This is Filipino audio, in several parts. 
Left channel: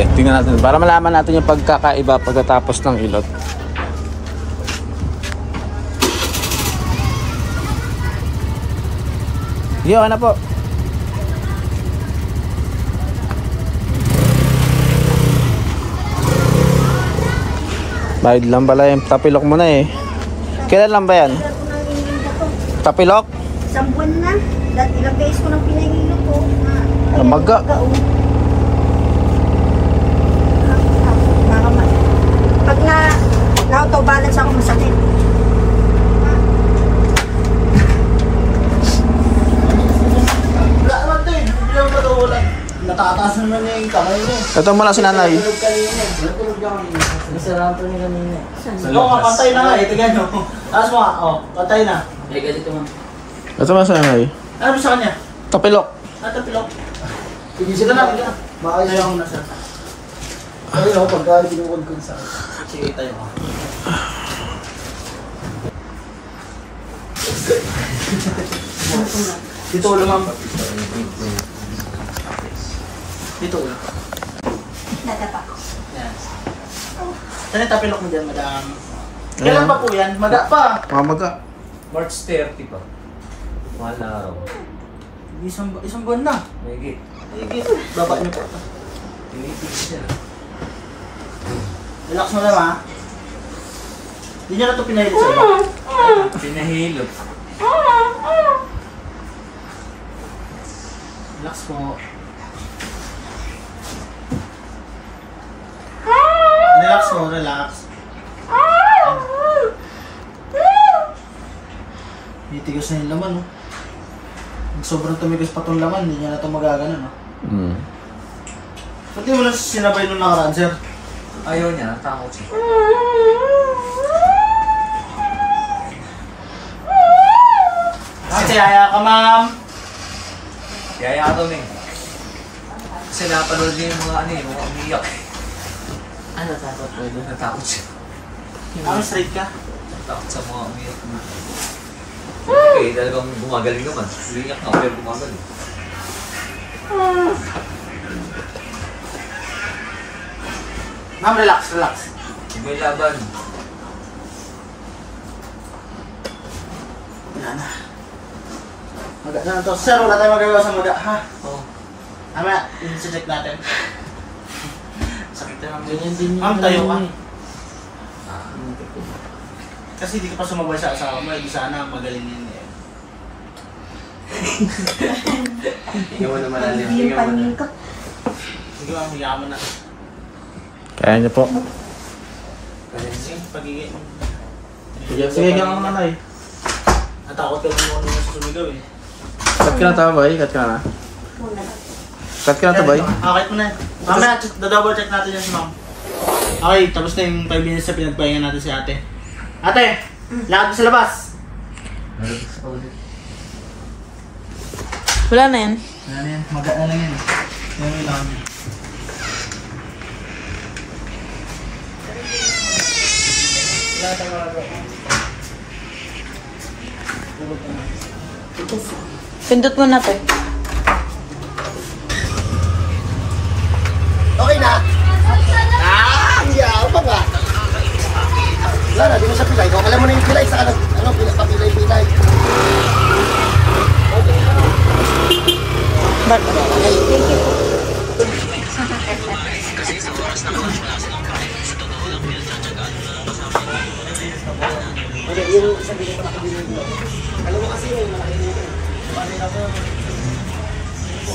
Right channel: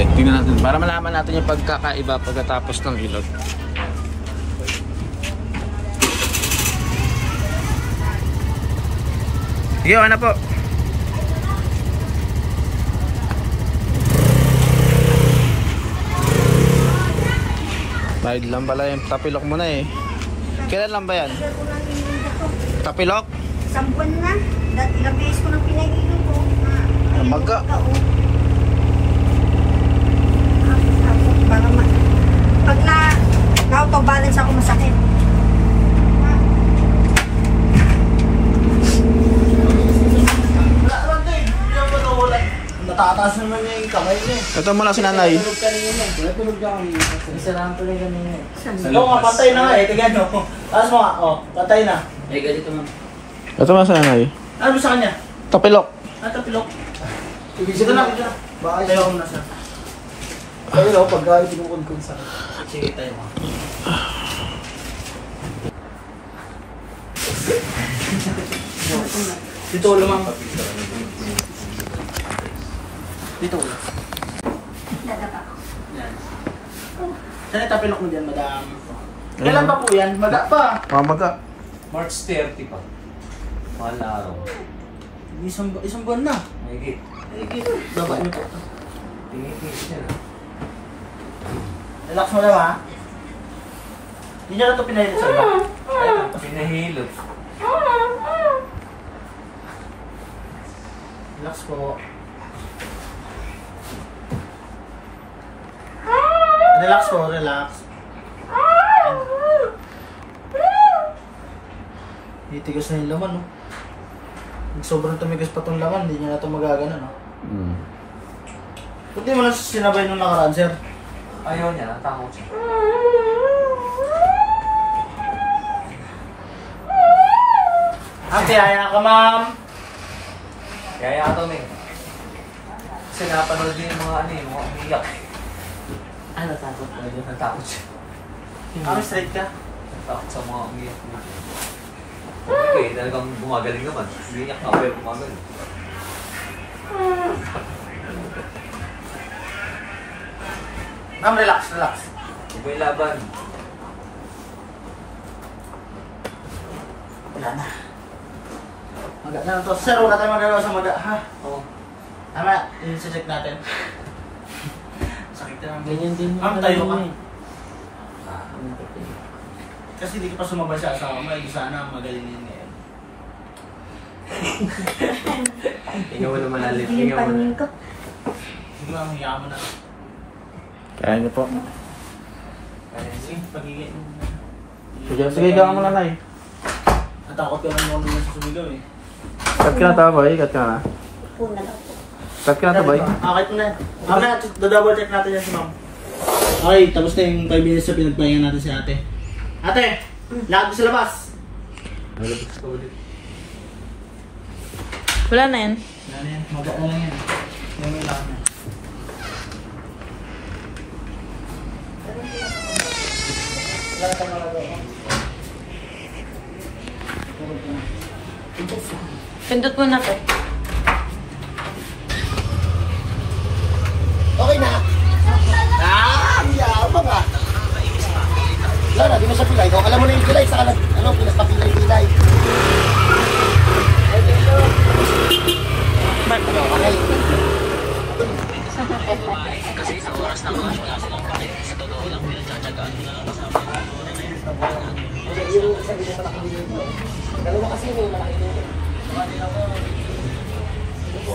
Sige, tingnan natin. Para malaman natin yung pagkakaiba pagkatapos ng ilot. Sige, ano po? Bayad lang pala yung tapilok mo na eh. Kailan lang ba yan? Tapilok? Isang buwan na. Dahil ilang beses ko nang pinahilo ko. Umaga. Pag na-auto-balance ako masakit. Natataas naman yung kamay niya. Ito muna si nanay. Natulog lang. Nasiraan to niya kanina. Oo nga, pantay na nga eh. Tignan nyo. Taas mo nga. O, pantay na. Ay, ganito mo. Ito muna si nanay. Ano mo sa kanya? Tapilok. Tapilok. Sige na, sige na. Baka ayaw mo na siya. Sabi mo, pagka pinukod sa akin. Sige, tayo mo. Dito ulo lang. Dito ulo. Nadapa. Yan. Ano yung tapilok mo dyan, madam? Kailan pa po yan? Maga pa. Mamaga. March 30 pa. Mahal na araw. Isang buwan na. Mahigit. Baba niyo po. Tinipis niya. Relax mo lang ha. Hindi niya na ito pinahilot sa'yo. Pinahilot. Relax po. Relax po, relax. Titigas na yung laman, no? Sobrang tumigas pa itong laman, hindi niya na ito magagano, no? Ba't di mo lang sinabay nung nakaraan, sir? Ayaw niya, natakot siya. Ate, haya ka, ma'am. Kaya ito eh. Kasi napanood niya yung mga ano eh, mga umiyak. Ano, takot po ito? Natakot siya. Ma'am, straight ka? Natakot sa mga umiyak. Okay, talagang gumagaling naman. Umiyak na, pero gumagaling. Ma'am, relax, relax. Iba yung laban. Wala na. Maga na to. Sir, wala tayong magagawa sa maga, ha? Oo. Tama, i-check natin. Sakit na naman. Ma'am, tayo ka. Kasi hindi ka pa sumabay sa asawa mo, hindi sana magalingin eh. Hinga mo na malalim. Yung paningin ko. Sige ma'am, hiya mo na. Kaya niyo po. Sige, pagiging. Sige ka mo nanay. Natakot ka mo nung sa sumigaw eh. Cut ka na ito, boy. Cut ka na. Puna lang. Cut ka na ito, boy. Akit mo na. Mamaya, double check natin yan si ma'am. Okay, tapos na yung 5 minutes na pinagpahinga natin si ate. Ate, lakad mo sa labas. Malabas ka ulit. Wala na yan. Wala na yan, maga na lang yan. Yung ilan. Pindot mo na to. Okay na? Yaw pa ba? Wala na, di mo siya pilay. Okay lang mo na yung pilay sa papilay-pilay. Ba't? Okay, yung sabi ko pa nakabili mo. Dalawa kasi yung malaki dito.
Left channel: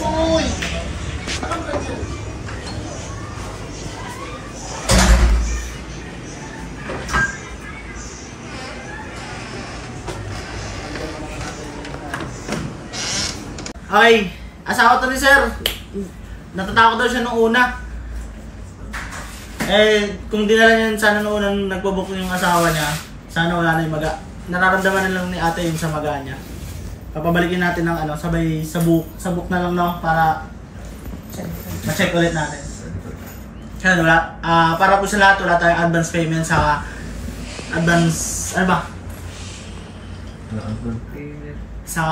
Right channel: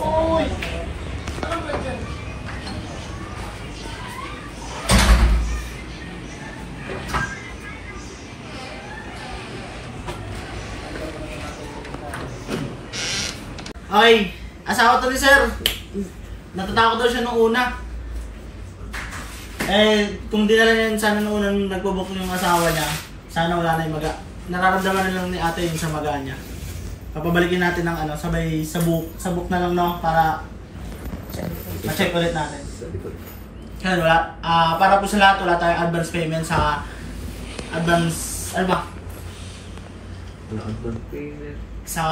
Uy! Okay, asawa to ni sir. Natatakot daw siya nung una. Eh, kung dinala niya sana nung unang nagpo-book yung asawa niya, sana wala na yung maga. Nararamdaman na lang ni ate yung sa maga niya. Papabalikin natin ng ano, sabay sa book na lang no, para check ulit natin. Kaya wala, para po sa lahat, wala tayong advance payment sa advance, ano ba? Sa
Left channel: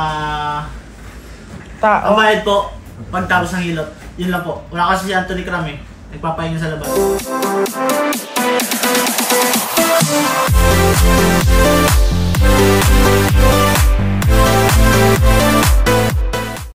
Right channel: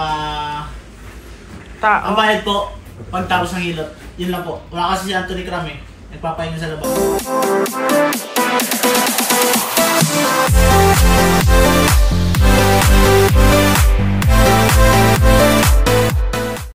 Tao. bayad po, pagtapos ng hilot. Yun lang po. Wala kasi si Anthony Cram eh. nagpapahinga sa labas.